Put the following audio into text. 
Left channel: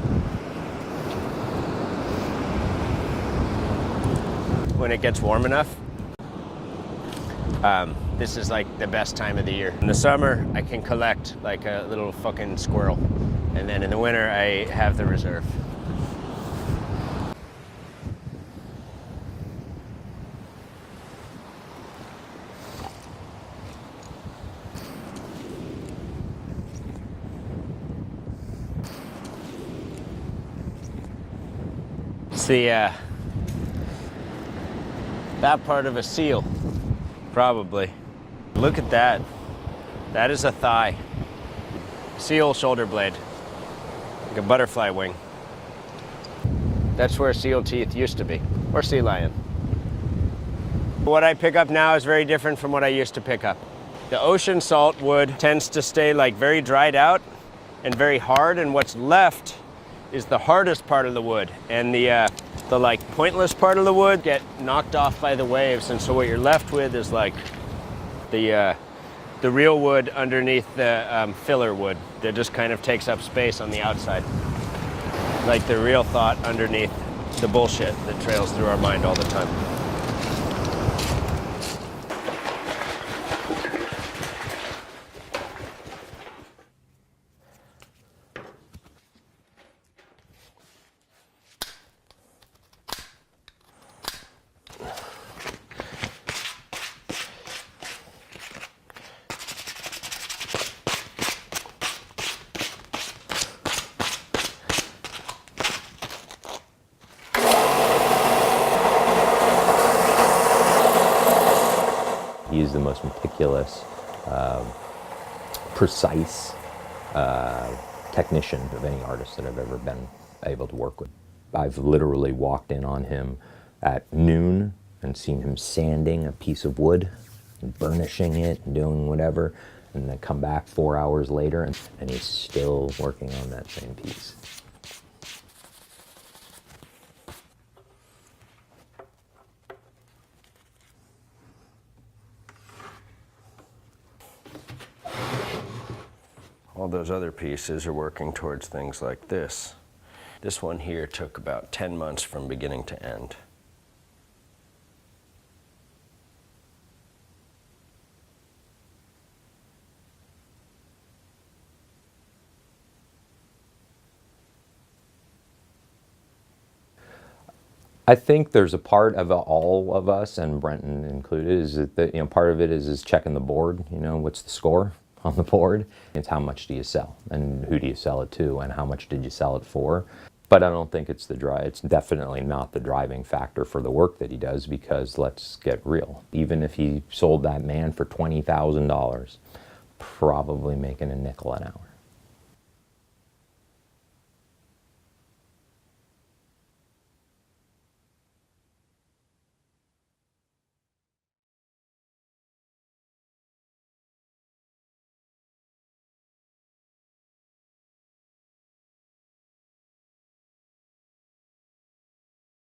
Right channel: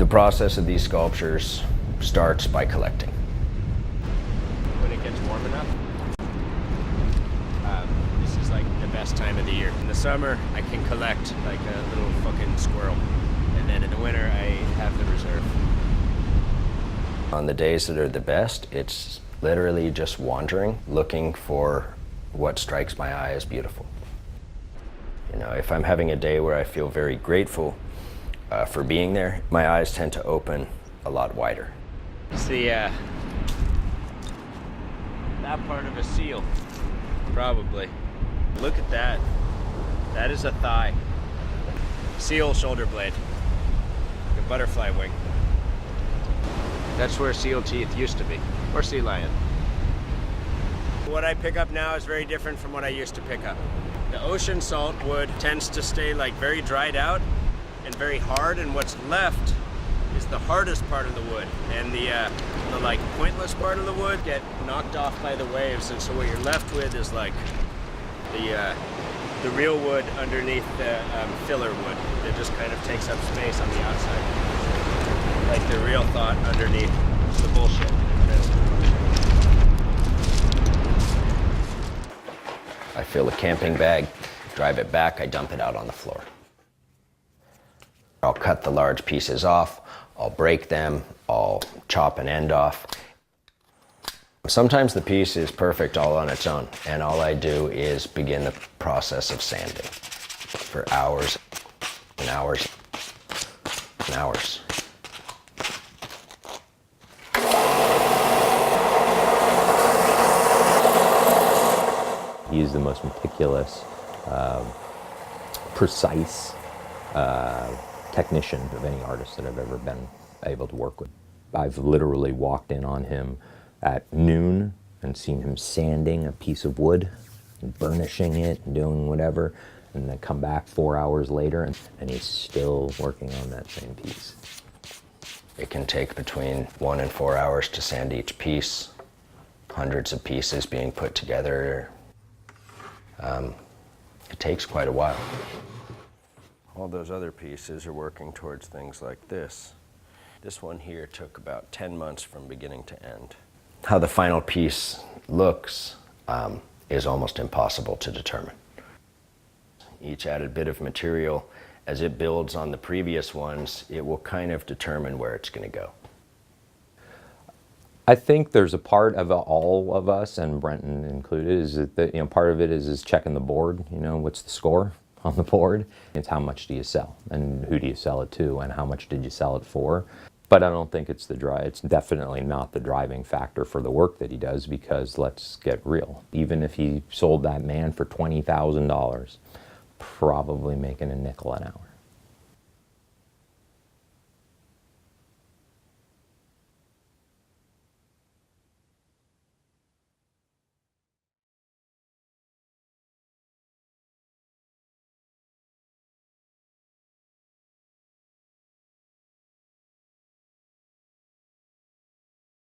The process of these sculptures starts by collecting. When it gets warm enough, this is like the best time of the year. In the summer, I can collect like a little fucking squirrel. And then in the winter, I have the reserve. On the days that are the best, it's literally just wandering, looking for what strikes my eye as beautiful. You know, if I'm having a day where I feel very grateful for being there, my eyes tend to open a lot wider. It's the, that part of a seal, probably. Look at that. That is a thigh. Seal shoulder blade. Like a butterfly wing. That's where seal teeth used to be, or sea lion. What I pick up now is very different from what I used to pick up. The ocean salt wood tends to stay like very dried out and very hard, and what's left is the hardest part of the wood, and the like pointless part of the wood get knocked off by the waves, and so what you're left with is like the real wood underneath the filler wood that just kind of takes up space on the outside. Like the real thought underneath the bullshit that trails through our mind all the time. I fill a camping bag, drive it back, I dump it out on the floor. I'll cut the large pieces off, I'll break them, I'll chop an end off. Sometimes the piece is perfect all on its own, and all I do is begin the process of sanding for hours and hours and hours. He's the most meticulous, precise technician of any artist that I've ever been able to work with. I've literally walked in on him at noon and seen him sanding a piece of wood and burnishing it and doing whatever, and then come back 4 hours later and he's still working on that same piece. It can take between 1 and 4 hours to sand each piece, hundreds of pieces being put together. It takes quite a while. All those other pieces are working towards things like this. This one here took about 10 months from beginning to end. How the final piece looks is almost impossible to determine. Each added bit of material, as it builds on the previous ones, it will kind of determine where it's going to go. I think there's a part of all of us, and Brenton included, is that part of it is checking the board. What's the score on the board? It's how much do you sell, and who do you sell it to, and how much did you sell it for? But I don't think it's it's definitely not the driving factor for the work that he does, because let's get real. Even if he sold that man for $20,000, probably making a nickel an hour.